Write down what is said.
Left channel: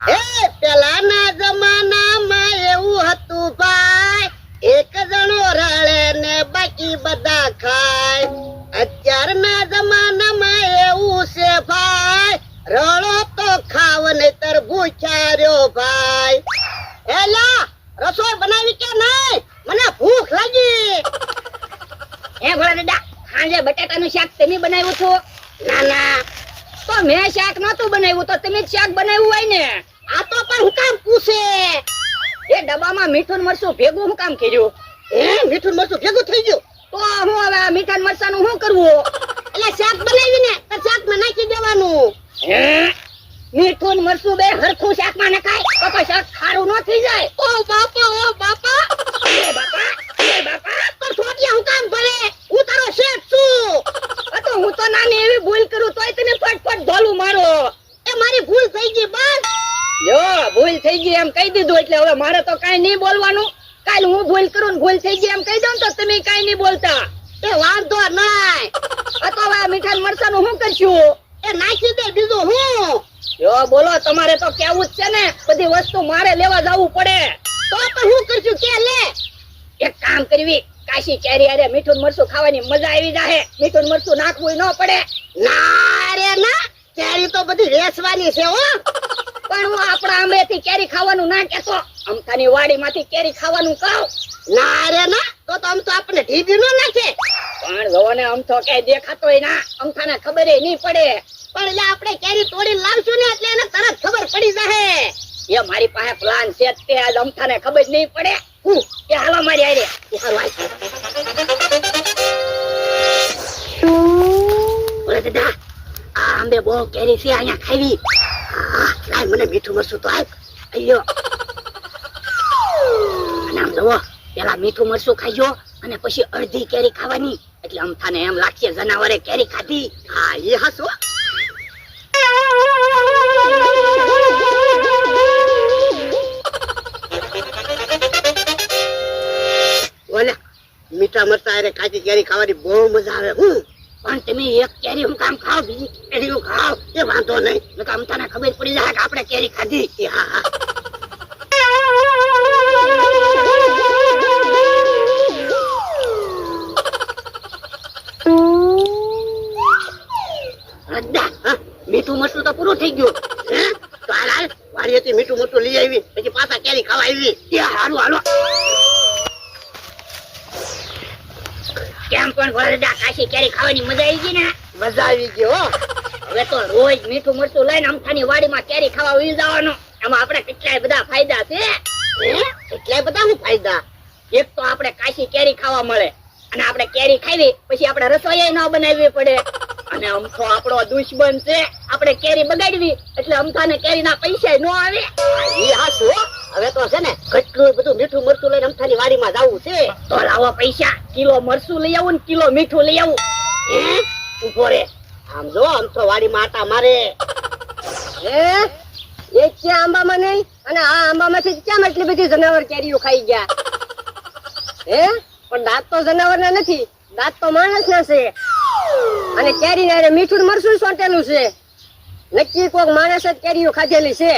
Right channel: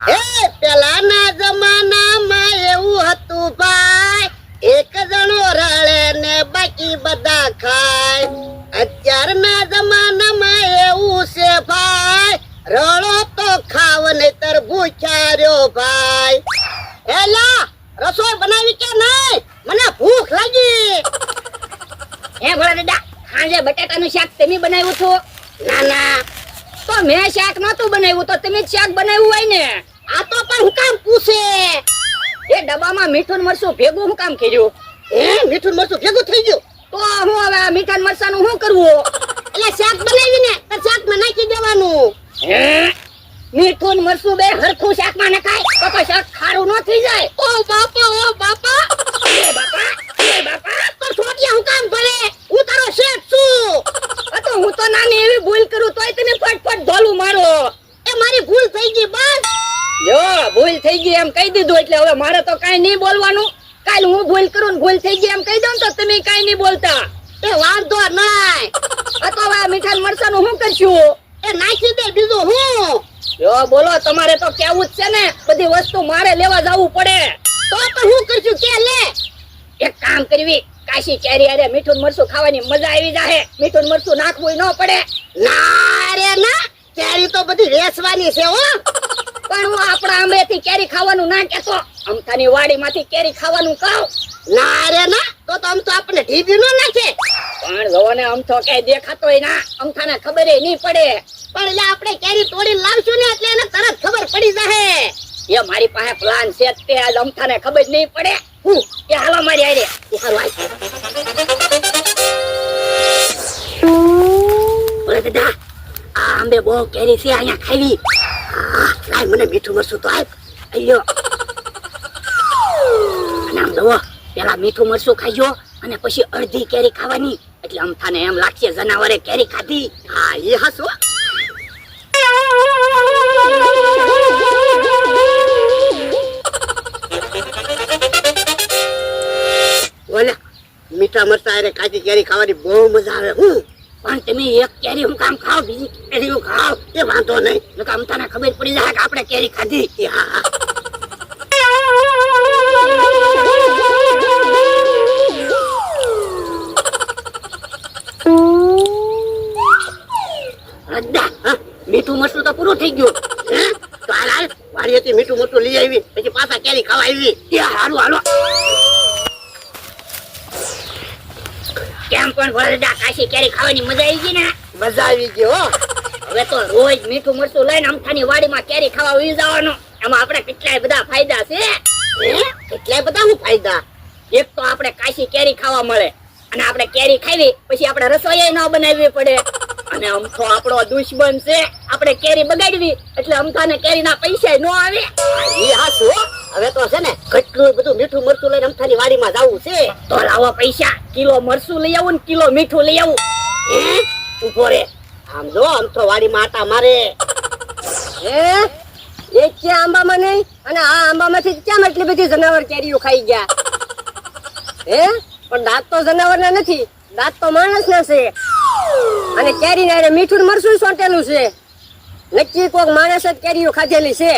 એ પેલાના જમાનામાં એવું હતું ભાઈ, એક જણો રળે ને બાકી બધા ખાય. અત્યારના જમાનામાં એવું છે ભાઈ, રળો તો ખાવ નહીતર ભૂખ્યા રહ્યો ભાઈ. એલા રસોઈ બનાવી કે નહીં? મને ભૂખ લાગી. હે ભોળા દાદા, હાજે બટાટાનું શાક તમે બનાવ્યું છો? ના ના, તો મેં શાક નહોતું બનાવ્યું, તો તમે જ શાક બનાવ્યું હોય ને. આ તો પણ હું કામ પૂછે? એ ડબ્બામાં મીઠું ને મરચું ભેગું હું કામ કર્યું? હે, મીઠું ને મરચું ભેગું થઈ ગયું? તો હું હવે આ મીઠા ને મરચાનું શું કરવું? એટલે શાક બનાવીને તો શાકમાં નાખી દેવાનું. હે, મીઠું ને મરચું બે હરખું શાકમાં નખાય તો શાક ખારું ન થઈ જાય? ઓ બાપા, ઓ બાપા, એ બાપા, એ બાપા, તો છોટિયા હું કામ ભરે? હું તારો શેઠ છું. આ તો હું તો નાની એવી ભૂલ કરું તોય તમે ફટફટ ધોલું મારો. એ મારી ભૂલ થઈ ગઈ બસ. યો, ભૂલ થઈ ગઈ એમ કહી દીધું એટલે હવે મારે તો કાઈ નહીં બોલવાનું. કાલ હું ભૂલ કરું ને ભૂલ થઈ ગઈ એમ કહી દઉં તો તમે કાઈ નહીં બોલતા. એ વાંધો નહીં. આ તો હવે આ મીઠા ને મરચાનું શું કરશું? એ નાખી દે, બીજું હું. યો બોલો, તમારે તો કેવું જ છે ને, બધી વસ્તુ મારે લેવા જવું પડે. તો હું કરશું કે લે. એક કામ કરવી, કાશી કેરી અરે મીઠું ને મરચું ખાવાની મજા આવી જાહે. મીઠું ને મરચું નાખવું ન પડે. ના રે ના, કેરી તો બધી વેચવાની છે હો. પણ હું આપણા આંબેથી કેરી ખાવાનું ના કહેતો, અમથાની વાડીમાંથી કેરી ખાવાનું કહું. ના રે ના, તો આમ તો આપણે ઢીબી નો નાખે. પણ જોવો ને અમથો કઈ દેખાતોય ના, અમથાને ખબર નહીં પડે. પણ એટલે આપણે કેરી તોડીને લાવશું ને એટલે એને તરત ખબર પડી જાહે. એ મારી પાસે પ્લાન છે તે આજ અમથાને ખબર જ નહીં પડે. હું એ હાલો મારી આરે બોલે દાદા, આ આંબે બહુ કેરી છે, અહીંયા ખાવી. લાય મને મીઠું મરચું તો આપ. અయ్યો નામ જોવો, પેલા મીઠું મરચું ખાઈજો અને પછી અડધી કેરી ખાવાની, એટલે અમથાને એમ લાગશે જનાવરે કેરી ખાધી. હા, એ હસો. બોલે મીઠા મરચા અરે કાચી કેરી ખાવાની બહુ મજા આવે. હું પણ તમે એક કેરી હું કામ ખાવ, બીજી કેરી હું ખાવ, એ વાંધો નહીં. નકર અમથાને ખબર પડી જાય કે આપણે કેરી ખાધી. એ હા હા. રદ્દા, મીઠું મરચું તો પૂરું થઈ ગયું. હે, તો હાલ વાડીએથી મીઠું મરચું લઈ આવી, પછી પાછા કેરી ખાવા આવી. એ હારું હાલો. કેમ પણ વરડા કાશી કેરી ખાવાની મજા આવી ગઈ ને? મજા આવી ગઈ હો. હવે તો રોજ મીઠું મરચું લઈને અમથાની વાડીમાં કેરી ખાવા ઉઈ જવાનું. એમાં આપણે કેટલાય બધા ફાયદા છે. કેટલાય બધા હું ફાયદા. એક તો આપણે કાશી કેરી ખાવા મળે, અને આપણે કેરી ખાવી પછી આપણે રસોઈ ન બનાવવી પડે. અને અમથો આપણો દુશ્મન છે, આપણે કેરી બગાડવી એટલે અમથાને કેરીના પૈસા ન આવે. એ હાસુ હો. હવે તો છે ને કેટલું બધું મીઠું મરચું લઈને અમથાની વાડીમાં જવું છે. તો લાવો પૈસા, કિલો મરચું લઈ આવું ને કિલો મીઠું લઈ આવું. ઉભો રે, આમ જો આમ તો વાડીમાં આટા મારે. એક છે આંબામાં નહીં, અને આ આંબામાંથી કેમ એટલી બધી જનાવર કેરીઓ ખાઈ ગયા? પણ દાંત તો જનાવરના નથી, દાંત તો માણસના છે. અને કેરી ને મીઠું ને મરચું સોંટેલું છે. નક્કી કોક માણસ જ કેરીઓ ખાધેલી છે.